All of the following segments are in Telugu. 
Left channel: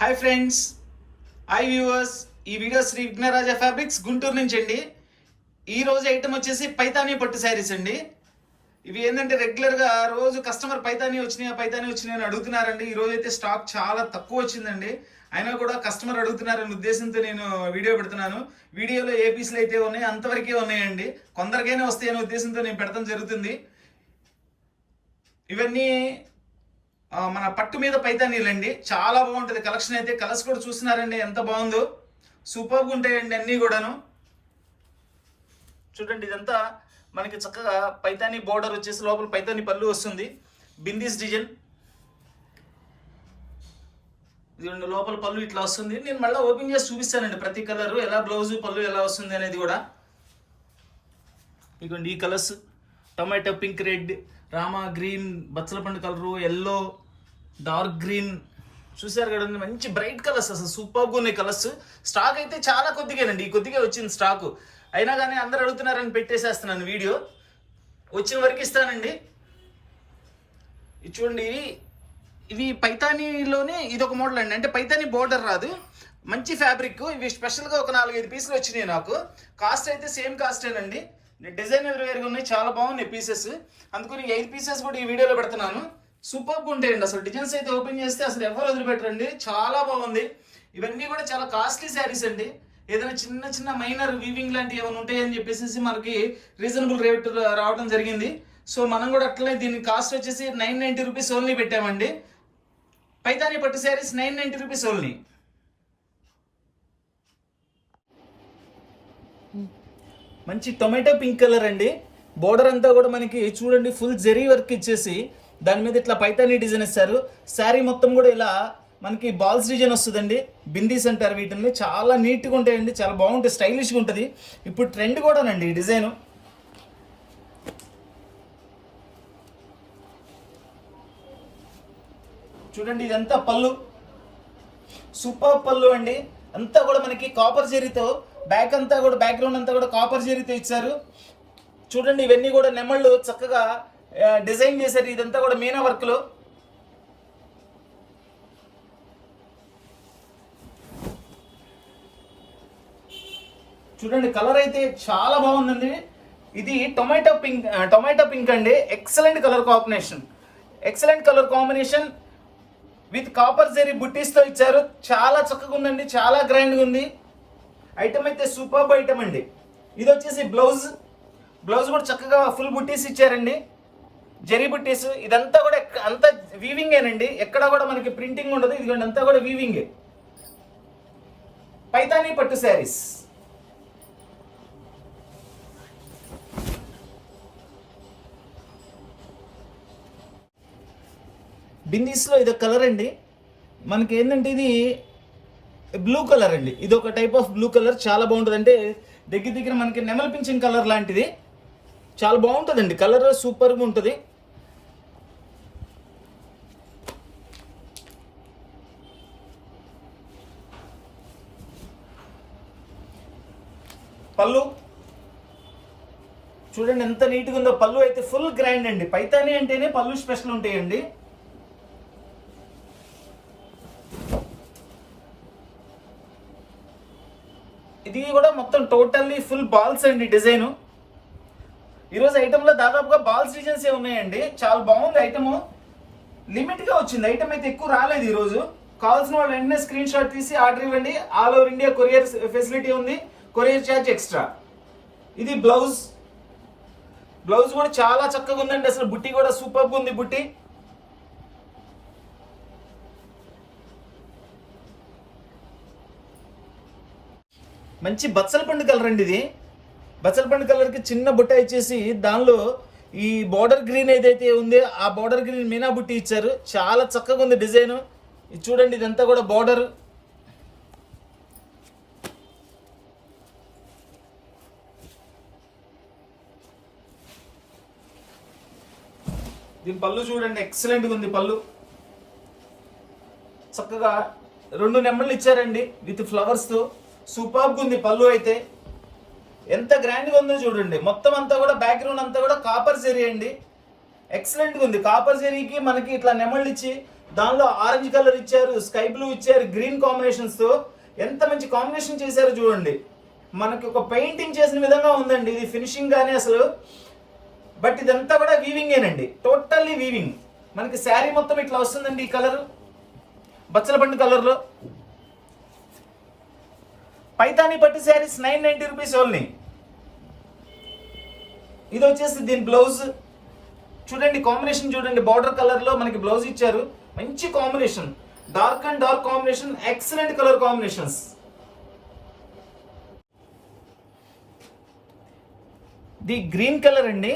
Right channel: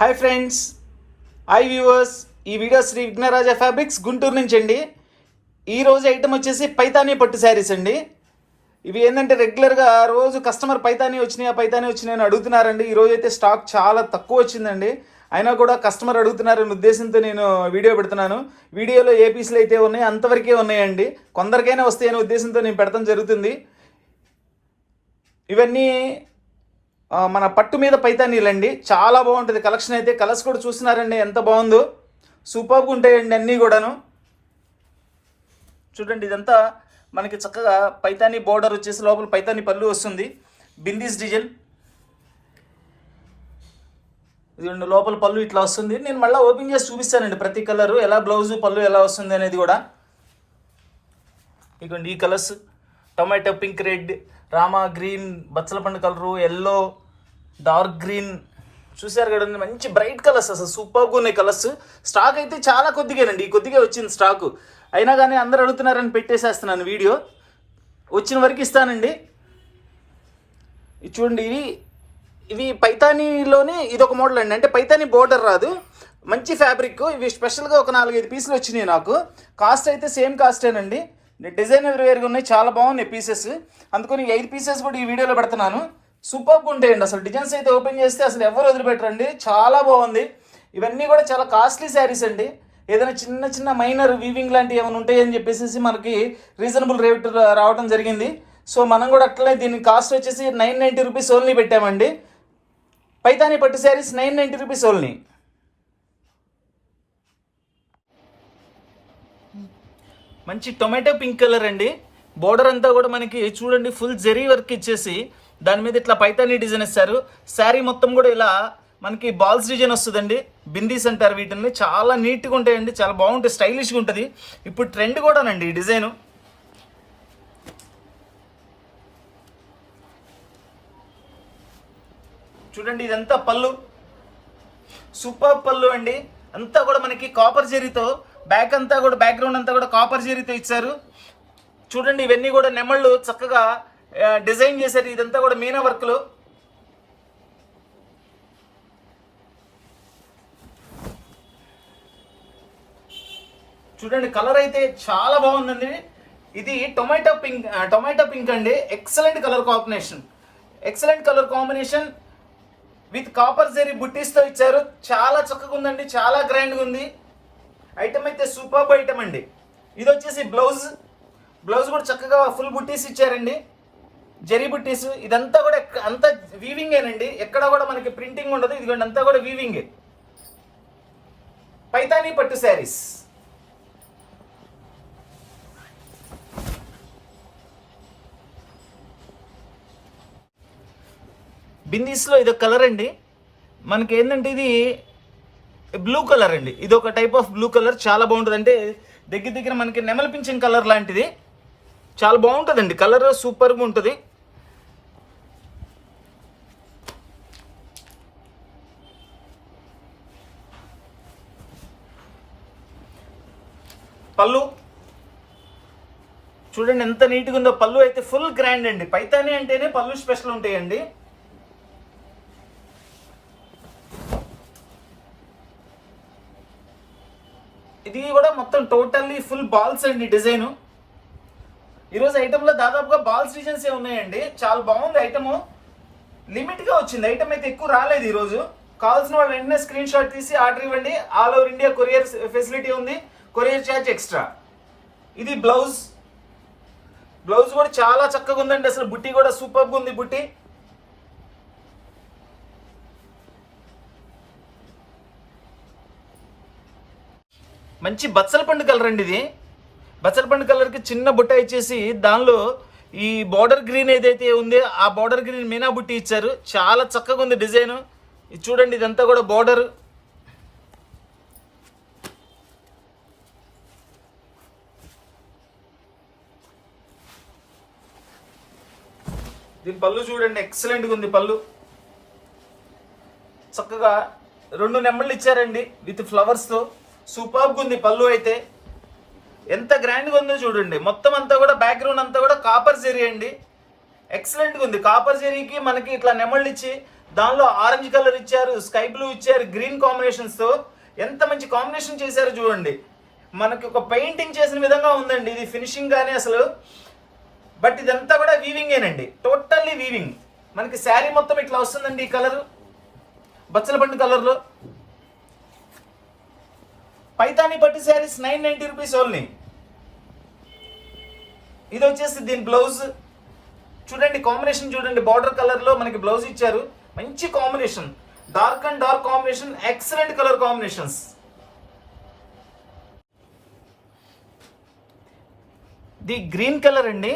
Hi friends, hi viewers. ఈ వీడియో శ్రీ విఘ్నరాజ ఫ్యాబ్రిక్స్ గుంటూరు నుంచి అండి. ఈరోజు ఐటమ్ వచ్చేసి పైతానీ పట్టు శారీస్ అండి. ఇవి ఏంటంటే రెగ్యులర్గా రోజు కస్టమర్ పైతానీ వచ్చినాయి అని అడుగుతున్నారండి. ఈరోజు అయితే స్టాక్ చాలా తక్కువ వచ్చిందండి. అయినా కూడా కస్టమర్ అడుగుతున్నారనే ఉద్దేశంతో నేను వీడియో పెడుతున్నాను. వీడియోలో ఏ పీసులు అయితే ఉన్నాయి అంతవరకే ఉన్నాయండి. కొందరికైనా వస్తాయనే ఉద్దేశంతో నేను పెడతాం జరుగుతుంది. ఇవన్నీ మన పట్టు మీద పైతానీలండి. చాలా బాగుంటుంది కలెక్షన్ అయితే. కలర్స్ కూడా చూస్తున్నారండి ఎంత బాగుందో. సూపర్గా ఉంటాయండి అన్నీ కూడాను. చూడండి, ఇదంతా మనకి చక్కగా పైతానీ బోర్డర్ వచ్చేసి లోపల పైతానీ పళ్ళు వస్తుంది. బిందీస్ డిజైన్ ఇది లోపల పళ్ళు ఇట్లా వస్తుంది. నేను మళ్ళీ ఓపెన్ చేసి చూపిస్తానండి ప్రతి కలరు ఎలా బ్లౌజు పళ్ళు ఎలా వస్తుంది అనేది కూడా. ఇదిగోండి ఈ colours tomato pink, red, Rama green, బచ్చల పండు కలరు, ఎల్లో, డార్క్ గ్రీన్, చూసారు కదండి మంచి బ్రైట్ కలర్స్. అసలు సూపర్గా ఉన్నాయి కలర్స్. స్టాక్ అయితే చాలా కొద్దిగానండి, ఈ కొద్దిగా వచ్చింది స్టాకు. అయినా కానీ అందరు అడుగుతున్నారని పెట్టేసేస్తున్నాను వీడియో. వచ్చిన వరకు ఇస్తానండి. చూడండి, ఇవి పైతానీలోనే ఇదొక మోడల్ అండి. అంటే పైతానీ బోర్డర్ రాదు, మంచి ఫ్యాబ్రిక్. ఇవి స్పెషల్గా ఒక 4-5 పీసులు వచ్చినాయి నాకు. కాస్ట్ అయితే సేమ్ కాస్టేనండి. డిజైనర్ వేరుగా ఉన్నాయి, చాలా బాగున్నాయి పీసెస్. అందుకని 8 పీసెస్ కూడా ఈ వీడియోలో పెడుతున్నాను. సూపర్గా ఉంటాయండి. అసలు డిజైన్స్ అయితే ఓపెన్ చేస్తే అసలు ఎవరు వదిలిపెట్టరండి, చాలా బాగుంది. ఇవన్నీ కూడా చాలా కాస్ట్లీ శారీస్ అండి. ఏదైనా చిన్న చిన్న మైనర్ వీవింగ్ లాంటివి ఏమైనా ఉంటాయని చెప్పేసి మనకి రీజనబుల్ రేట్ రావడం జరిగింది. సో మనం కూడా అట్లనే దీని కాస్ట్ వచ్చేసి 990 రూపీస్ ఓన్లీ పెట్టామండి. పైతానీ పట్టు శారీస్ 990 రూపీస్ ఓన్లీ. మంచి టొమాటో పింక్ కలర్ అండి. బోర్డర్ అంతా కూడా మనకి చూడండి ఫుల్ జెరీ వర్క్ ఇచ్చేసి దాని మీద ఇట్లా పైతానీ డిజైన్ ఇస్తారు. శారీ మొత్తం కూడా ఇలా మనకి బాల్స్ డిజైన్ వస్తుందండి. బిందీస్ అంటారు వీటిని. చాలా నీట్గా ఉంటాయండి, చాలా బాగుంటాయి, స్టైలిష్గా ఉంటుంది. ఇప్పుడు ట్రెండ్ కూడానండి ఈ డిజైను. చూడండి, ఇదంతా పళ్ళు, సూపర్ పళ్ళు అండి. అంతా కూడా మనకి కాపర్ జెరీతో బ్యాక్ అంతా కూడా బ్యాక్గ్రౌండ్ అంతా కూడా కాపర్ జెరీతో ఇచ్చారు. చూడండి, ఇవన్నీ కూడా నెమళ్ళు చక్కగా డిజైన్ చేశారు. ఇదంతా కూడా మీనా వర్క్లు. చూడండి, కలర్ అయితే చాలా బాగుందండి. ఇది టొమాటో పింక్ అండి. Excellent colour combination with copper zari బుట్టీస్తో ఇచ్చారు. చాలా చక్కగా ఉందండి, చాలా గ్రాండ్గా ఉంది. ఐటమ్ అయితే సూపర్ ఐటమ్ అండి. ఇది వచ్చేసి బ్లౌజ్ కూడా చక్కగా ఫుల్ బుట్టీస్ ఇచ్చారండి, జెరీ బుట్టీస్. ఇదంతా కూడా అంతా వీవింగేనండి, ఎక్కడ కూడా మనకి ప్రింటింగ్ ఉండదు. ఇదిగోండి అంతా కూడా వీవింగే. పైతానీ పట్టు శారీస్. బిందీస్లో ఇదొక కలర్ అండి. మనకి ఏంటంటే ఇది బ్లూ కలర్ అండి. ఇది ఒక టైప్ ఆఫ్ బ్లూ కలర్, చాలా బాగుంటుంది. అంటే దగ్గర మనకి నెమలి పింఛన్ కలర్ లాంటిది, చాలా బాగుంటుందండి కలర్, సూపర్గా ఉంటుంది. పళ్ళు చూడండి ఎంత నీట్గా ఉందో. పళ్ళు అయితే ఫుల్ గ్రాండ్ అండి. పైతానీ అంటేనే పళ్ళు స్పెషల్ ఉంటాయండి. ఇది కూడా మొత్తం టోటల్లీ ఫుల్ బాల్స్ అండి డిజైన్. ఈరోజు ఐటెంలో దాదాపుగా బాల్స్ డిజైన్స్ ఉన్నాయండి. చాలా బాగుంది ఐటమ్. లిమిట్గా వచ్చింది ఐటమ్, అయితే ఎక్కువ రాలేదు ఈరోజు. కావాల్సిన వాళ్ళు వెంటనే స్క్రీన్ షాట్ తీసి ఆర్డర్ ఇవ్వండి. All over India courier facility ఉంది, కొరియర్ ఛార్జ్ ఎక్స్ట్రా. ఇది బ్లౌజ్ కూడా చాలా చక్కగా ఉందండి. అసలు బుట్టి కూడా సూపర్గా ఉంది. బుట్టి మంచి బచ్చల పండు కలర్ అండి. ఇది బచ్చల పండు కలర్కి చిన్న బుట్ట ఇచ్చేసి దానిలో ఈ బార్డర్ గ్రీన్ ఏదైతే ఉందో ఆ బార్డర్ గ్రీన్ మీనా బుట్టి ఇచ్చారు. చాలా చక్కగా ఉంది డిజైన్. ఇది చూడండి, ఇదంతా కూడా బార్డర్. దీని పళ్ళు చూడండి, ఎక్సలెంట్గా ఉంది పళ్ళు. చక్కగా 2 నెమళ్ళు ఇచ్చారండి విత్ ఫ్లవర్స్తో. సూపర్గా ఉంది పళ్ళు అయితే. ఎంత గ్రాండ్గా ఉందో చూడండి. మొత్తం అంతా కూడా బ్యాక్గ్రౌండ్ అంతా కూడా కాపర్ జెరీ అండి. ఎక్సలెంట్గా ఉంది. కాపర్ జెరీకి మనకి ఇట్లా నెమళ్ళు ఇచ్చి దానిలో ఆరెంజ్ కలర్ ఇచ్చారు, స్కై బ్లూ ఇచ్చారు, గ్రీన్ కాంబినేషన్స్ తో ఎంత మంచి కాంబినేషన్ చేశారు చూడండి. మనకి ఒక పెయింటింగ్ చేసిన విధంగా ఉందండి ఇది ఫినిషింగ్ గానీ అసలు. బట్ ఇదంతా కూడా వీవింగేనండి, టోటల్లీ వీవింగ్. మనకి శారీ మొత్తం ఇట్లా వస్తుందండి ఈ కలర్, బచ్చల పండు కలర్ లో. పైతానీ పట్టు శారీస్ 990 రూపీస్ ఓన్లీ. ఇది వచ్చేసి దీని బ్లౌజ్ చూడండి, కాంబినేషన్ చూడండి, బార్డర్ కలర్ లో మనకి బ్లౌజ్ ఇచ్చారు. మంచి combination, dark and dark combination, excellent colour combinations. The green colour అండి,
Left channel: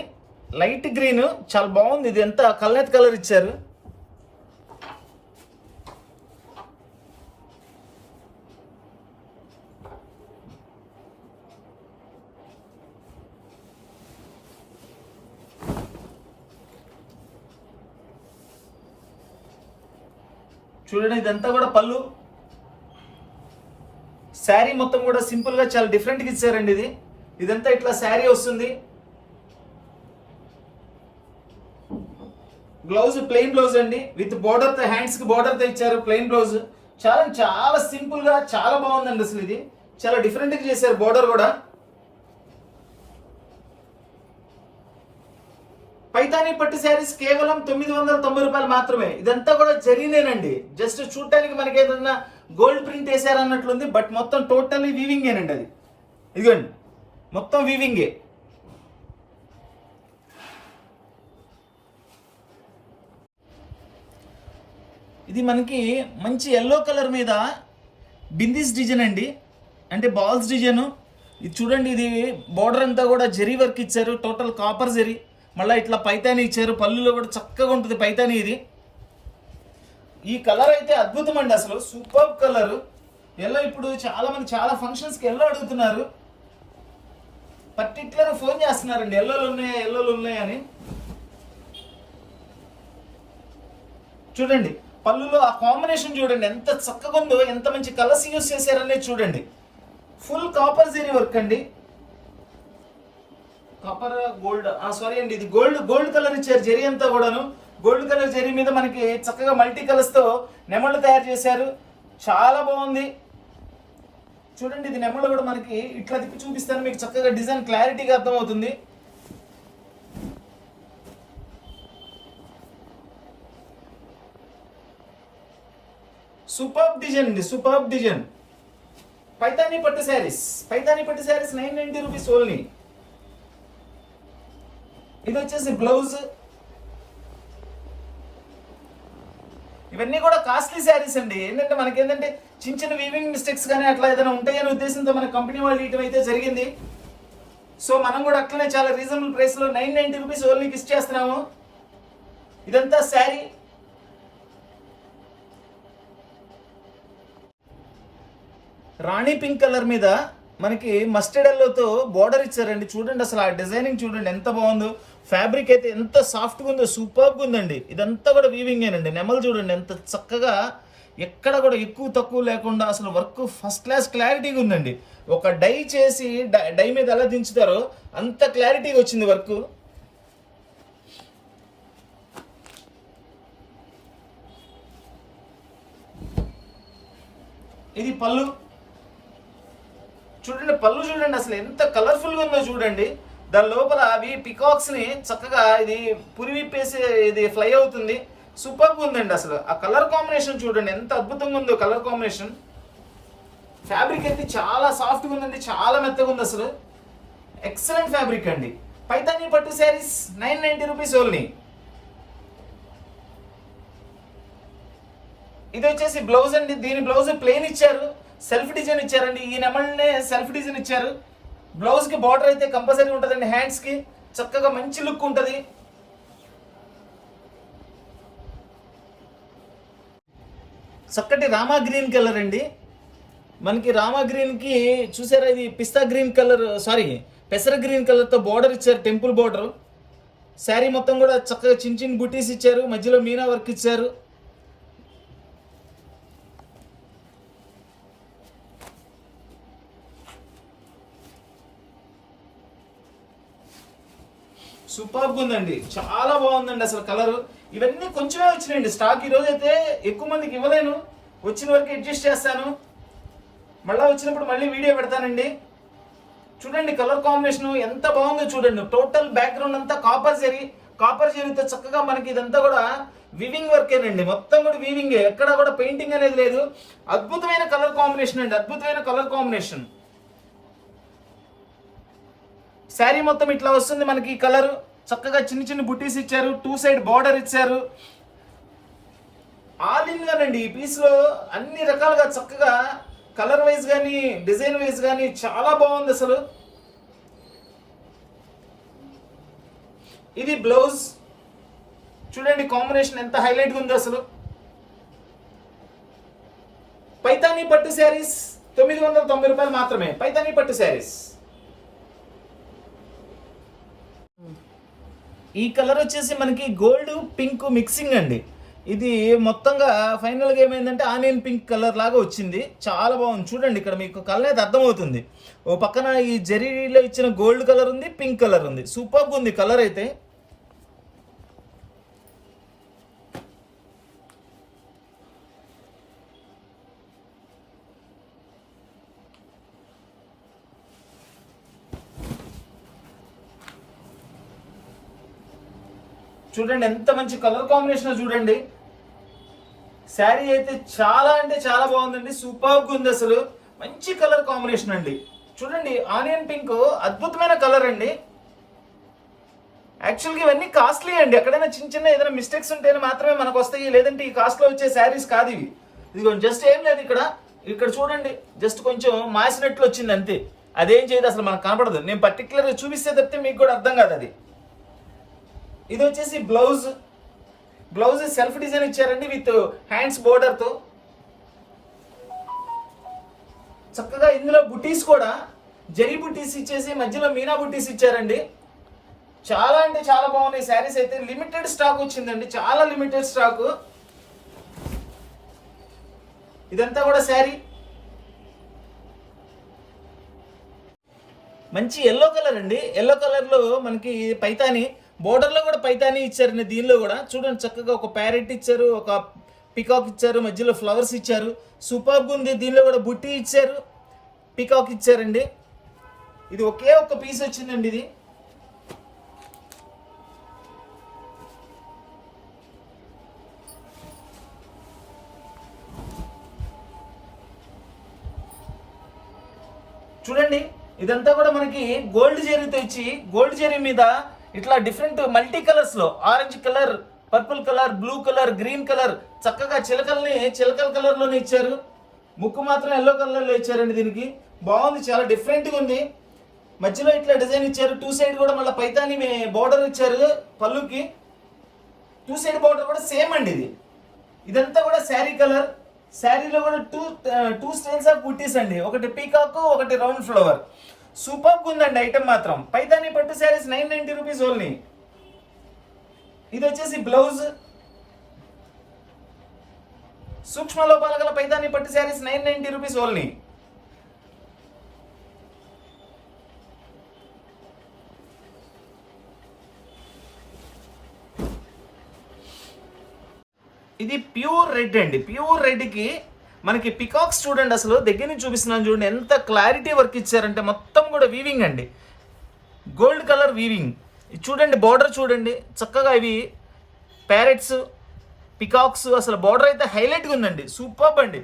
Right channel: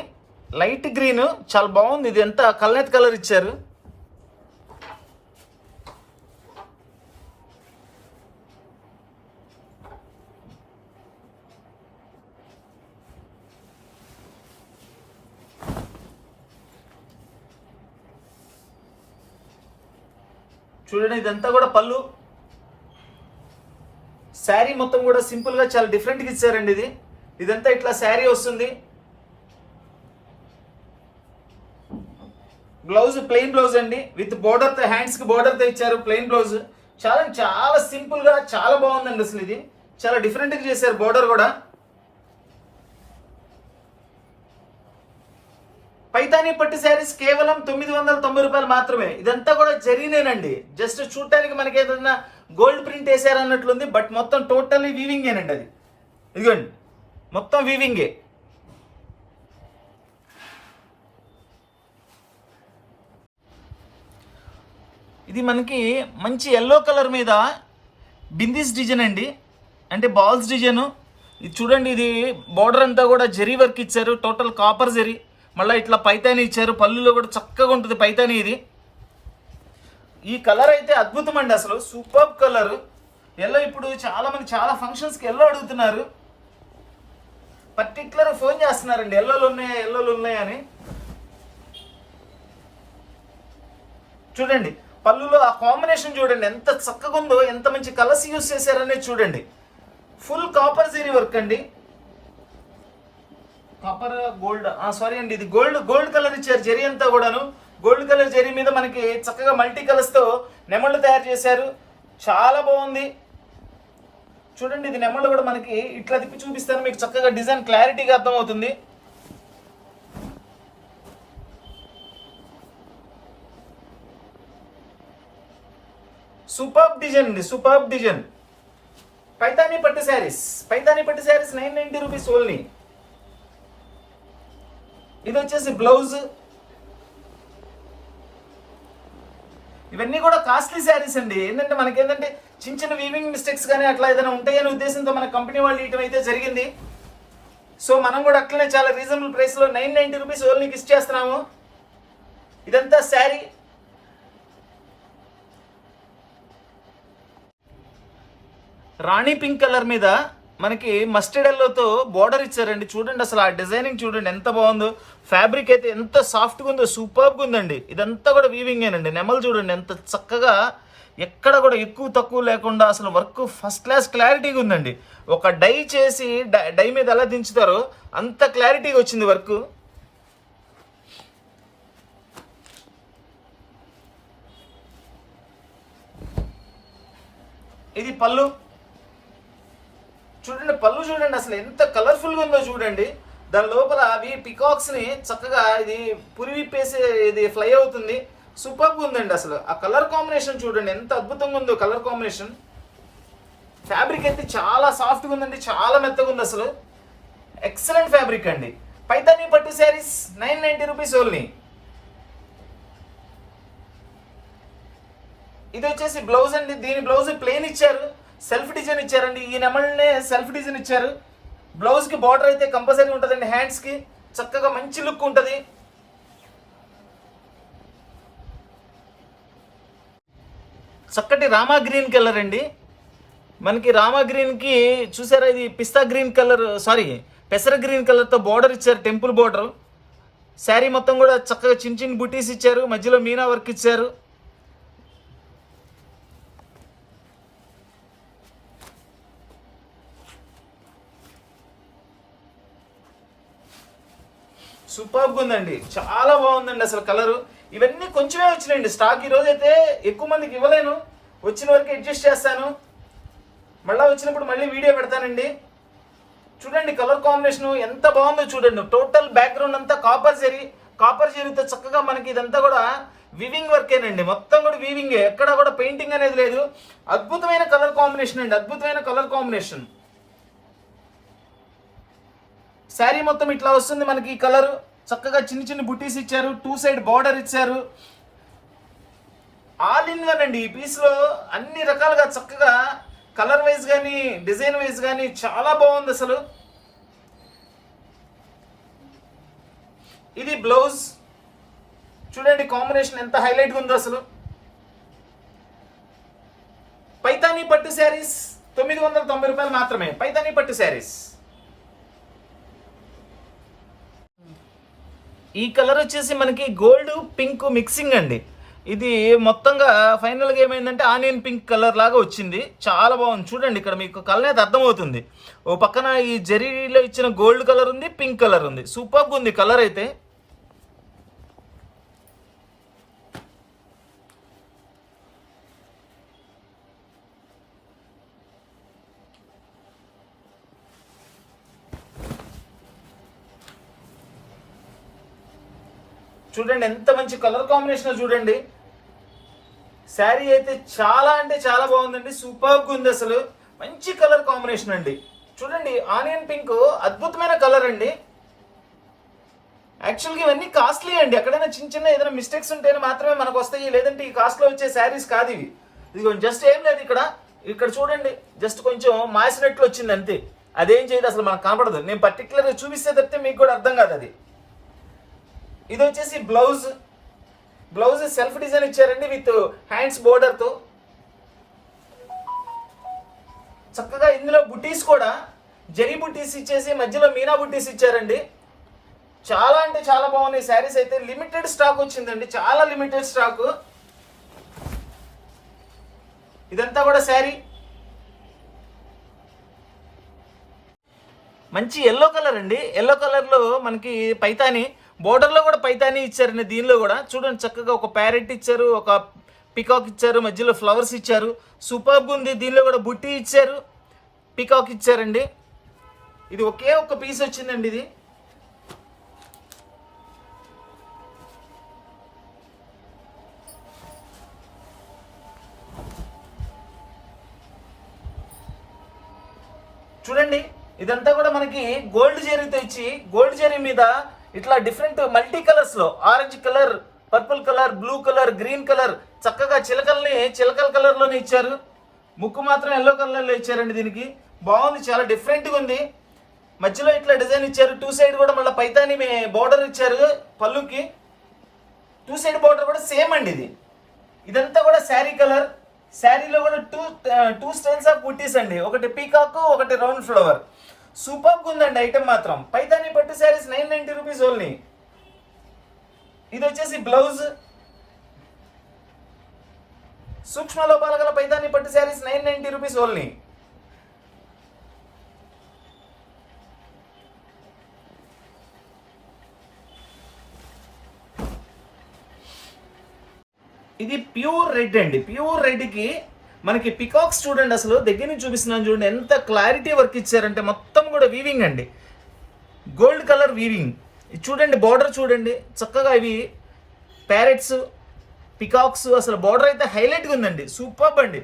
లైట్ గ్రీన్, చాలా బాగుంది. ఇది ఎంత కల్నేత్ కలర్ ఇచ్చారు. చూడండి ఇదంతా కూడా పళ్ళు. శారీ మొత్తం కూడా సింపుల్ గా చాలా డిఫరెంట్ గా ఇచ్చారండి. ఇదంతా ఇట్లా శారీ వస్తుంది. బ్లౌజ్ ప్లెయిన్ బ్లౌజ్ అండి, విత్ బోర్డర్ తో, హ్యాండ్స్ కి బోర్డర్ తో ఇచ్చారు ప్లెయిన్ బ్లౌజ్. చాలా చాలా సింపుల్ గా చాలా బాగుందండి అసలు. ఇది చాలా డిఫరెంట్ గా చేశారు బోర్డర్ కూడా. పైతానీ పట్టు శారీస్ కేవలం 990 రూపాయలు మాత్రమే. ఇదంతా కూడా జరీనేనండి, జస్ట్ చూడటానికి మనకి ఏదన్నా గోల్డ్ ప్రింట్ వేసారు అన్నట్లుంది, బట్ మొత్తం టోటల్లీ వీవింగేనండి అది. ఇదిగోండి మొత్తం వీవింగే. ఇది మనకి మంచి ఎల్లో కలర్ మీద బిందీస్ డిజైన్ అండి, అంటే బాల్స్ డిజైన్. ఇది చూడండి, ఇది బార్డర్ అంతా కూడా జరీ వర్క్ ఇచ్చారు, టోటల్ కాపర్ జరీ. మళ్ళీ ఇట్లా పైతాని ఇచ్చారు, పళ్ళులో కూడా చక్కగా ఉంటుంది పైతాని. ఇది ఈ కలర్ అయితే అద్భుతం అండి అసలు, సూపర్ కలర్ ఎల్లో. ఇప్పుడు చాలా మంది చాలా ఫంక్షన్స్కి ఎల్లో అడుగుతున్నారు, పర్టికులర్ ఫోన్ చేస్తున్నారండి ఎల్లోలు ఉన్నాయా ఎల్లోలు ఉన్నాయా అని. చూడండి పళ్ళులో ఆ కాంబినేషన్ చూడండి ఎంత చక్కగా ఉందో, ఎంత మంచి కలర్స్ యూజ్ చేశారనేది చూడండి. ఫుల్ కాపర్ జరీ వర్క్ అండి, కాపర్ గోల్డ్, సారీ అండి, ఇది గోల్డ్ కలర్ ఇచ్చారు. జరీ అంతా కూడాను గోల్డ్ కలర్ జరీ మీద మనకి చక్కగా మల్టీ కలర్స్ తో నెమళ్ళు తయారు చేశారు, చాలా బాగుంది. చూడండి ఇది నెమళ్ళు కూడా మనకి ఇట్లా తిప్పి చూపిస్తాను మీకు, చక్కగా డిజైన్ క్లారిటీగా అర్థమవుతుంది. సూపర్ డిజైన్ అండి, సూపర్ డిజైన్. పైతానీ పట్టు శారీస్ 990 రూపీస్ ఓన్లీ. ఇది వచ్చేసి బ్లౌజ్. ఇవన్నీ కూడా కాస్ట్లీ శారీస్ అండి. ఏంటంటే మనకి ఏంటంటే చిన్న చిన్న వీవింగ్ మిస్టేక్స్ కానీ అట్లా ఏదైనా ఉంటాయనే ఉద్దేశంతో మన కంపెనీ వాళ్ళు ఇయటం అయితే జరిగింది. సో మనం కూడా అట్లనే చాలా రీజనబుల్ ప్రైస్ లో 990 రూపీస్ ఓన్లీకి ఇచ్చేస్తున్నాము. ఇదంతా శారీ. రాణి పింక్ కలర్ మీద మనకి మస్టర్డ్ ఎల్లోతో బోర్డర్ ఇచ్చారండి. చూడండి అసలు ఆ డిజైనింగ్ చూడండి ఎంత బాగుందో. ఫ్యాబ్రిక్ అయితే ఎంత సాఫ్ట్గా ఉందో, సూపర్గా ఉందండి. ఇదంతా కూడా వీవింగేనండి. నెమలు చూడండి ఎంత చక్కగా, ఎక్కడ కూడా ఎక్కువ తక్కువ లేకుండా అసలు వర్క్ ఫస్ట్ క్లాస్ క్లారిటీగా ఉందండి. ఒక డై చేసి డై మీద ఎలా దించుతారో అంత క్లారిటీగా వచ్చింది వర్క్. ఇది పళ్ళు. చూడండి పళ్ళు చూడండి అసలు ఎంత కలర్ఫుల్గా ఉందో చూడండి. దాని లోపల అవి పికాక్స్ ని చక్కగా ఇది పురి విప్పేసి ఇది ఫ్లై అవుతుంది. సూపర్గా ఉందండి అసలు. ఆ కలర్ కాంబినేషన్ చూడండి ఎంత అద్భుతంగా ఉందో కలర్ కాంబినేషన్. ఫ్యాబ్రిక్ అయితే చాలా సాఫ్ట్గా ఉందండి, చాలా మెత్తగా ఉంది అసలు. ఎక్సలెంట్ ఫ్యాబ్రిక్ అండి. పైతానీ పట్టు శారీస్ 990 రూపీస్ ఓన్లీ. ఇది వచ్చేసి బ్లౌజ్ అండి. దీని బ్లౌజ్ ప్లెయిన్ ఇచ్చారు, సెల్ఫ్ డిజైన్ ఇచ్చారండి. ఈ నెమల్నే సెల్ఫ్ డిజైన్ ఇచ్చారు. బ్లౌజ్ కి బార్డర్ అయితే కంపల్సరీ ఉంటుందండి. హ్యాండ్స్ కి చక్కగా మంచి లుక్ ఉంటుంది. చక్కటి రామా గ్రీన్ కలర్ అండి. మనకి రామా గ్రీన్ కి చూసారా, ఇది పిస్తా గ్రీన్ కలర్, సారీ పెసర గ్రీన్ కలర్ తో బార్డర్ ఇచ్చారు, టెంపుల్ బార్డర్. శారీ మొత్తం కూడా చక్కగా చిన్న చిన్న బుటీస్ ఇచ్చారు, మధ్యలో మీనా వర్క్ ఇచ్చారు. సూపర్గా ఉందండి, చాలా బాగుందండి అసలు కలరు. ఇవన్నీ కొంచెమే వచ్చినాయండి స్టాక్. ఈరోజు అయితే ఎక్కువ మందికి ఇవ్వలేను, వచ్చిన వరకు అడ్జస్ట్ చేస్తాను. మళ్ళీ వచ్చినప్పుడు మళ్ళీ వీడియో పెడతానండి. చూడండి కలర్ కాంబినేషన్ ఎంత బాగుందో చూడండి. టోటల్ బ్యాక్గ్రౌండ్ అంతా కాపర్ జరీతో చక్కగా మనకి ఇదంతా కూడా వీవింగ్ వర్కేనండి. మొత్తం కూడా వీవింగ్, ఎక్కడ కూడా పెయింటింగ్ అనేది లేదు. అద్భుతమైన కలర్ కాంబినేషన్ అండి, అద్భుతమైన కలర్ కాంబినేషన్. శారీ మొత్తం ఇట్లా వస్తుంది మనకి కలర్. చక్కగా చిన్న చిన్న బుట్టీస్ ఇచ్చారు, 2 సైడ్ బార్డర్ ఇచ్చారు. ఆల్ ఇన్ వన్ అండి. ఈ పీస్ లో అన్ని రకాలుగా చక్కగా కలర్ వైజ్ కానీ డిజైన్ వైజ్ కానీ చాలా బాగుంది అసలు. ఇది బ్లౌజ్ చూడండి, కాంబినేషన్ ఎంత హైలైట్గా ఉందో అసలు. పైతానీ పట్టు శారీస్ 990 రూపాయలు మాత్రమే. పైతానీ పట్టు శారీస్. ఈ కలర్ వచ్చేసి మనకి గోల్డ్ పింక్ మిక్సింగ్ అండి. ఇది మొత్తంగా ఫైనల్గా ఏమైందంటే ఆనియన్ పింక్ కలర్ లాగా వచ్చింది. చాలా బాగుంది చూడండి. ఇక్కడ మీకు కలర్ అయితే అర్థమవుతుంది. ఓ పక్కన ఈ జరీలో ఇచ్చిన గోల్డ్ కలర్ ఉంది, పింక్ కలర్ ఉంది. సూపర్గా ఉంది కలర్ అయితే. చూడండి ఎంత మంచి కలర్ కాంబినేషన్ చూడండి. శారీ అయితే చాలా అంటే చాలా బాగుందండి, సూపర్గా ఉంది అసలు. మంచి కలర్ కాంబినేషన్ అండి. చూడండి ఆనియన్ పింక్ అద్భుతమైన కలర్ అండి. యాక్చువల్గా ఇవన్నీ కాస్ట్లీ అండి. ఎక్కడైనా చిన్న చిన్న ఏదైనా మిస్టేక్స్ ఉంటేనే మాత్రమే మనకు వస్తాయి, లేదంటే ఈ కాస్ట్లో వచ్చే శారీస్ కాదు ఇవి. ఇది జస్ట్ ఏం లేదు, ఇక్కడ చూడండి జస్ట్ కొంచెం మాసినట్లు వచ్చింది అంతే. అదేం చేయదు అసలు, మనకు కనపడదు. నేను పర్టికులర్గా చూపిస్తే తప్పితే మీకు కూడా అర్థం కాదు అది. ఇది వచ్చేసి బ్లౌజ్ సెల్ఫ్ డిజైన్ ఇచ్చారండి విత్ హ్యాండ్స్ బోర్డర్ తో. చక్కగా ఇందులో బుటీస్ కూడా జరీ బుటీస్ ఇచ్చేసి మధ్యలో మీనా బుటీస్ ఇచ్చారండి. చాలా అంటే చాలా బాగున్నాయి శారీస్ అయితే. లిమిటెడ్ స్టాక్ వచ్చిందండి, చాలా లిమిటెడ్ స్టాక్. ఇదంతా కూడా శారీ మంచి ఎల్లో కలర్ అండి. ఎల్లో కలర్ లో మనకి పైతాని బోర్డర్ లో కూడా పైతాని ఇచ్చారండి. దీనిలో కూడా చూడండి చక్కగా ఒక ప్యారెట్ ఇచ్చారు, ఒక పికాక్ ఇచ్చారు, మధ్యలో ఫ్లవర్స్ ఇచ్చారు. సూపర్గా ఉంది. దీనిలో కూడా బుట్టి ఇచ్చారు, పికాక్ ఇచ్చారండి. ఇది ఒకే ఒక్క పీస్ వచ్చిందండి. ఇది చూడండి ఇదంతా కూడా మనకి గోల్డ్ జరీతో ఇచ్చి, గోల్డ్ జరీ మీద ఇట్లా డిఫరెంట్ మల్టీ కలర్స్ లో orange colour, purple colour, blue colour, green colour చక్కగా చిలకల కలర్ లోనే ఇచ్చారు. ముక్కు మాత్రం ఎల్లో కలర్ లో ఇచ్చారండి. దీనికి బాగుంది, చాలా డిఫరెంట్ గా ఉంది. మధ్యలో ఇట్లా డిజైన్ ఇచ్చారు. 2 సైడ్ కూడా మళ్ళీ పైతాని బోర్డర్ ఇచ్చారు పళ్ళుకి. 2 సైడ్ బోర్డర్ కూడా సేమ్ అండి. ఇదంతా కూడా శారీ కలర్. శారీలో కూడా టూ స్టైల్స్ ఆఫ్ బుట్టీస్ అండి. ఒకటి పీకాక్, ఒకటి రౌండ్ ఫ్లవర్. సూపర్గా ఉందండి ఐటమ్ మాత్రం. పైతాని పట్టు శారీస్ 990 రూపీస్ ఓన్లీ. ఇది వచ్చేసి బ్లౌజ్. సూక్ష్మ లోపాల గల పైతాని పట్టు శారీస్ 990 రూపీస్ ఓన్లీ. ఇది ప్యూర్ రెడ్ అండి. ప్యూర్ రెడ్కి మనకి పికాక్స్ చూడండి, అసలు దగ్గర నుంచి చూపిస్తున్నాను చూడండి ఎంత క్లారిటీ వర్క్ ఇచ్చారంటే. మొత్తం కూడా వీవింగ్ అండి, గోల్డ్ కలర్ వీవింగ్. చూడండి బార్డర్ చూడండి చక్కగా. ఇవి ప్యారెట్స్, పికాక్స్, అసలు బార్డర్ అయితే హైలైట్గా ఉందండి. సూపర్ అండి.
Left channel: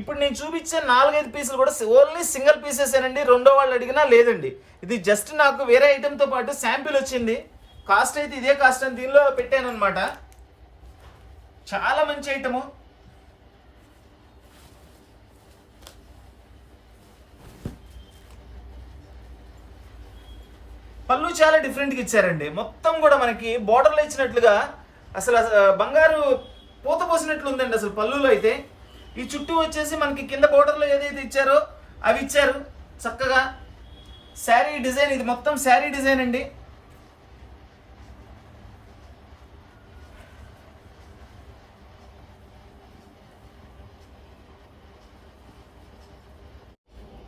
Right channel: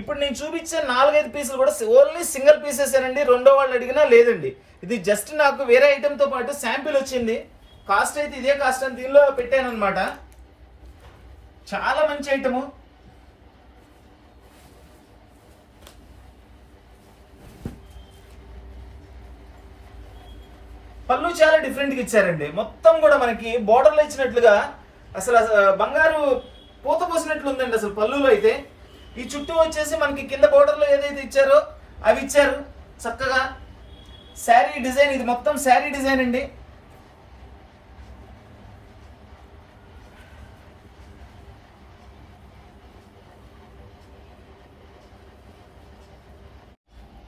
ఇప్పుడు నేను చూపించే 4-5 పీసులు కూడా ఓన్లీ సింగిల్ పీసెసేనండి. రెండో వాళ్ళు అడిగినా లేదండి. ఇది జస్ట్ నాకు వేరే ఐటెంతో పాటు శాంపిల్ వచ్చింది. కాస్ట్ అయితే ఇదే కాస్ట్ అని దీనిలో పెట్టాను అనమాట. చాలా మంచి ఐటము. పళ్ళు చాలా డిఫరెంట్గా ఇచ్చారండి. మొత్తం కూడా మనకి బోర్డర్లో ఇచ్చినట్లుగా అసలు బంగారు పూత పోసినట్లు ఉందండి అసలు పళ్ళులో అయితే. ఈ చుట్టూ వచ్చేసి మనకి కింద బోర్డర్లో ఏదైతే ఇచ్చారో అవి ఇచ్చారు చక్కగా. శారీ డిజైన్, ఇది మొత్తం శారీ డిజైన్ అండి.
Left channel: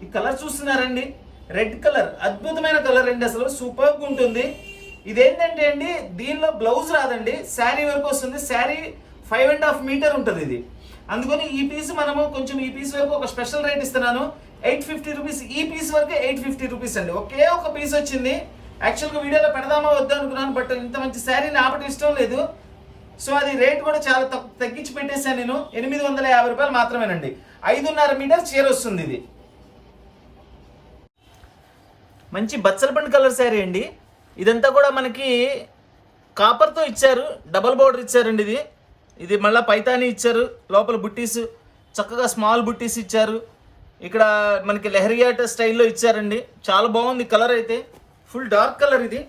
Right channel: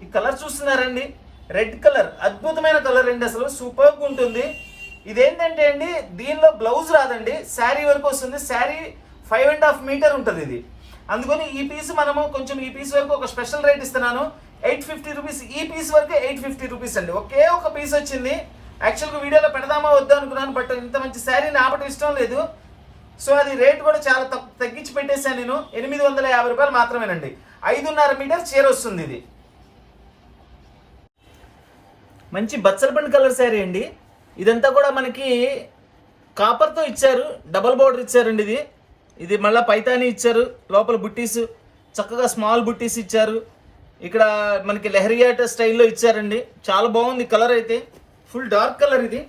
ఈ కలర్ చూస్తున్నారండి, రెడ్ కలర్ అద్భుతమైన కలర్ అండి. అసలు సూపర్గా ఉంటుంది. ఇదేంటంటే అండి, దీనిలో బ్లౌజ్ రాదండి, శారీ వరకు వస్తుంది. శారీ 5.5 మీటర్ ఉంటుంది ఇది. అందుకని ఈ పీస్ మనము కొంచెం ఈ పీస్ వరకు ఒక స్పెషల్ రేట్ ఇస్తున్నాను, 850 రూపీస్. ఈ పీస్ వరకు 850 రూపీస్ అండి. ఒకే ఒక పీస్ వచ్చింది. యాక్చువల్గా వీడియోలో పెడదామా వద్దా అనుకున్నాను, బట్ ఇంత మంచి శారీని ఆపటం ఇష్టం లేదు. సో అది రేట్ కూడా చాలా తగ్గించి పెట్టేశాను నేను. 850 రూపాయలు మాత్రమేనండి. 5.5 మీటర్ చీర వస్తుంది ఇది. మంచి బచ్చలపండు కలర్ శారీ అండి. ఇదంతా కూడా మనకి కాపర్తో ఇచ్చారు, డబల్ బోర్డర్ ఇచ్చారండి. ఇది మళ్ళీ పైతాని ఇచ్చారు, లోపల బుట్టీస్ చక్కగా స్మాల్ బుట్టీస్ ఇచ్చారు. ఇక్కడ మనకి లెహరియాట స్టైల్లో ఇచ్చారండి. చాలా బాగుంది కలర్ అయితే, ఫుల్ డార్క్ కలర్ ఇది.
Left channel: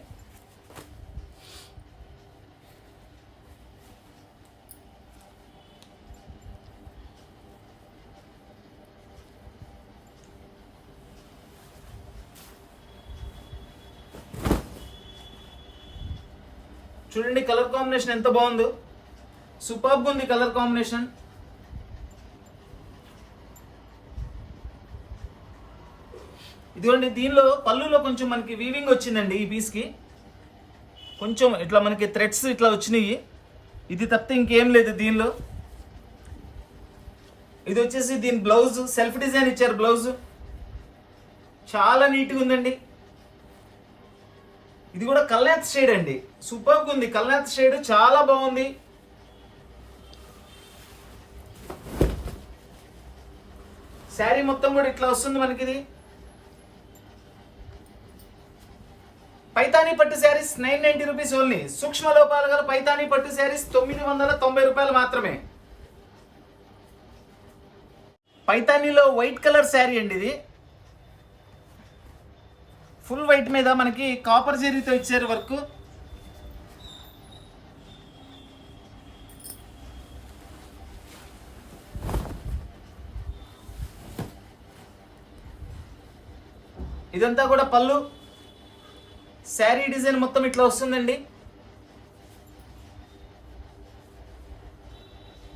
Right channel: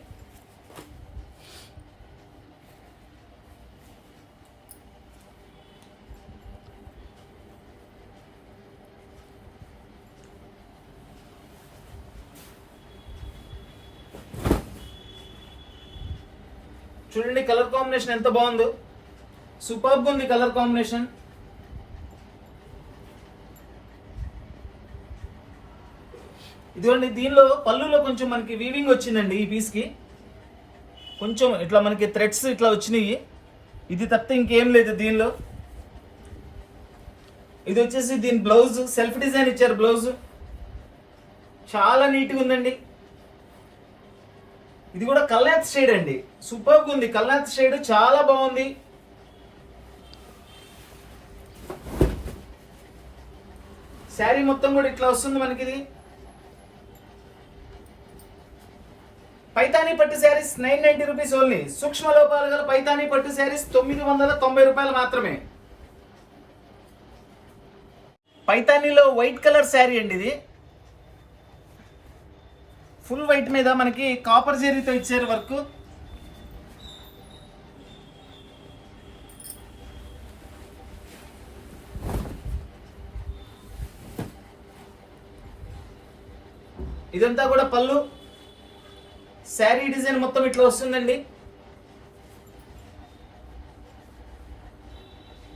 చూడండి కలర్ కాంబినేషన్ ఎంత బాగుందో, సూపర్బ్ ఉంది కలర్ కాంబినేషన్. ఇదిగోండి, దీనిలో పళ్ళులో కొంచెం మనకి వీవింగ్ వచ్చిందండి. ఈ పీస్ కి కొంచెం ఇట్లా మనకి థ్రెడ్స్ ఇట్లా వచ్చినాయి. ఇది తప్పితే ఇంకేం లేదు దీనిలో. ఇది వచ్చేసి దీని బ్లౌజ్ సెల్ఫ్ డిజైన్ ఇచ్చారు. బ్లౌజ్ చాలా నీట్గా ఉందండి. ఇది కూడా కల్నాథ్ షేడ్ అండి, సూపర్ ఉంది. కల్నాథ్ షేడ్ చాలా బాగుంది. శారీ మొత్తం కూడా ఇట్లా వస్తుంది మనకి. ఇది పైతానీ పట్టు శారీస్ 990 రూపీస్ ఓన్లీ. సూక్ష్మ లోపాలు గల పైతానీ పట్టు శారీస్ 990 రూపాయలు మాత్రమే. పైతానీలో వైట్ కలర్ శారీ అండి. ఇది ఫుల్ వైట్ మీద మనకి కాపర్ జరీతో ఇచ్చారు వర్క్. ఇదంతా కూడా పళ్ళు. శారీ డిజైన్ మొత్తం ఇట్లా వస్తుందండి.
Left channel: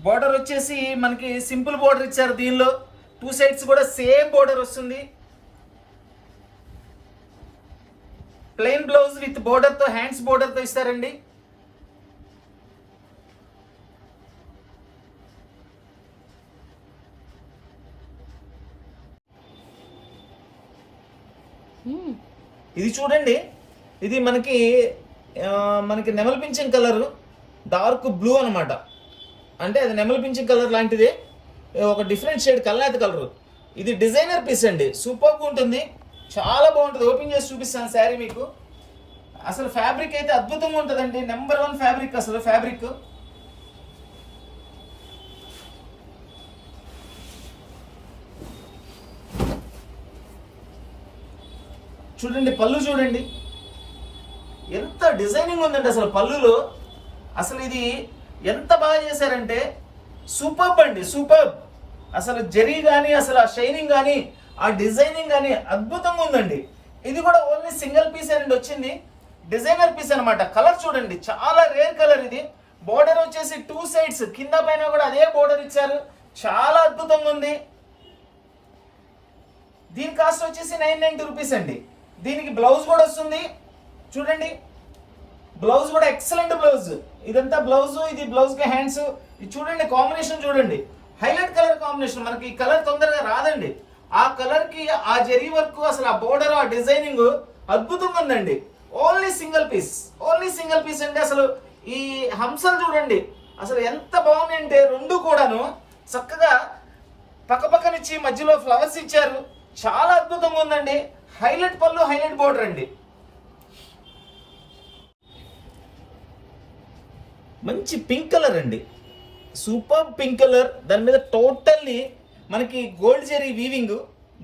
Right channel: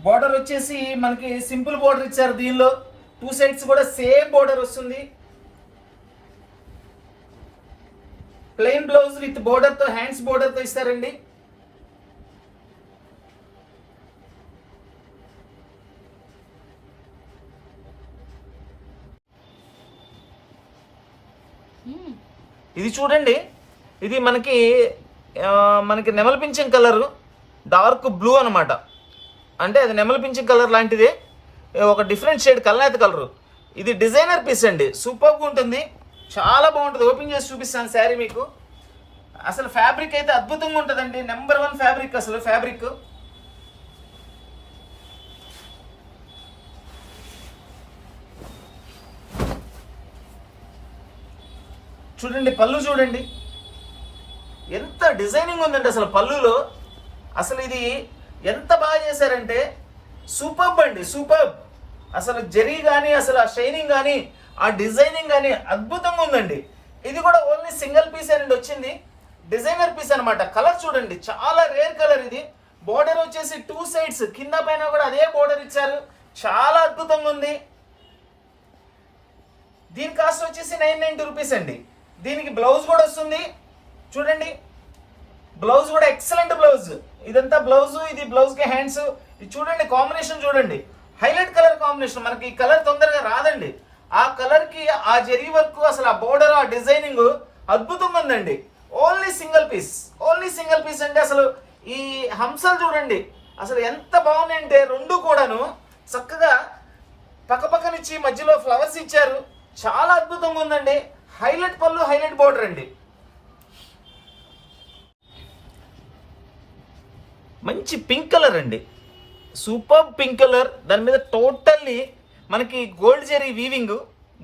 బోర్డర్ వచ్చేసి మనకి సింపుల్ బోర్డర్ ఇచ్చారు. దీనిలో 2 సైడ్స్ కూడా సేమ్ బోర్డర్ వస్తుంది. ప్లెయిన్ బ్లౌజ్ విత్ బోర్డర్ తో, హ్యాండ్స్ బోర్డర్ తో ఇస్తారండి. ఇది చూడండి, ఇది మనకి నెమలి పింఛం కలర్, డార్క్ బ్లూ అనమాట. అంటే అది నెమలి పింఛం కలర్ లాంటిదే, ఒక డిఫరెంట్ షేడ్ కల్నాథ్ కలర్. ఇది డిజైనర్ పీస్ అండి, సూపర్గా ఉంటుంది, చాలా బాగుంటుంది. ఓపెన్ చేసి చూపిస్తాను శారీ మీకు. అసలు ఫ్యాబ్రిక్ అయితే అద్భుతంగా ఉంటుందండి. Number 1 fabric. అసలు ఫ్యాబ్రిక్ చూడండి. పళ్ళు చూడండి ఎంత డిజైనింగ్ ఉందండి అసలు పళ్ళులో. అసలు ఇది ఎంత బాగా చేశారంటే సూపర్బ్ అండి, సూపర్బ్. అసలు జరీ కానీ, అసలు ఆ షైనింగ్ కానీ, ఆ డిజైనింగ్ కానీ అద్భుతంగా ఉందండి. ఇది కూడా ఓన్లీ సింగిల్ పీస్ అండి వచ్చింది, డిజైనర్ పీస్ అనమాట. కలర్ చూడండి, చాలా రేర్ కలర్ ఇది. బోర్డర్ వచ్చేసి 2 సైడ్స్ కింద పైన కూడా అదే బోర్డర్ ఇచ్చారు, చాలా అద్భుతంగా ఉంది. దీని కాస్ట్ వచ్చేసి 990 రూపీస్ అండి. దీనికి బ్లౌజ్ కూడా వస్తుంది చూడండి. బ్లౌజ్ కూడా ఎక్సలెంట్ బ్లౌజ్. ఇదంతా బ్లౌజ్, ఇది బ్లౌజ్ కి హ్యాండ్స్. ఇది చూడండి, కాంబినేషన్ చూడండి, హైలైట్ కలర్ కాంబినేషన్. మనకి ఈ కలర్ తొందరగా రాదండి. ఆ కలర్ కి ఆ జరీ వర్క్, అసలు ఆ బోర్డర్, ఆ డిజైనింగ్ అద్భుతంగా ఉందండి. Only single piece, only single piece అండి. అసలు ఈ హంసలు చూడండి అసలు ఎంత బాగున్నాయంటే, రెండు కూడాను చక్కగా పక్కపక్కనిచ్చి మధ్యలో ఫ్లవర్స్ ఇచ్చారు, చాలా అద్భుతంగా ఉందండి. హైలైట్ పళ్ళు, హైలైట్ బోర్డర్ అండి. మంచి పింక్ కలర్ అండి, సూపర్ పింక్ కలర్. దాని మీద టోటల్లీ మనకి gold zari weaving,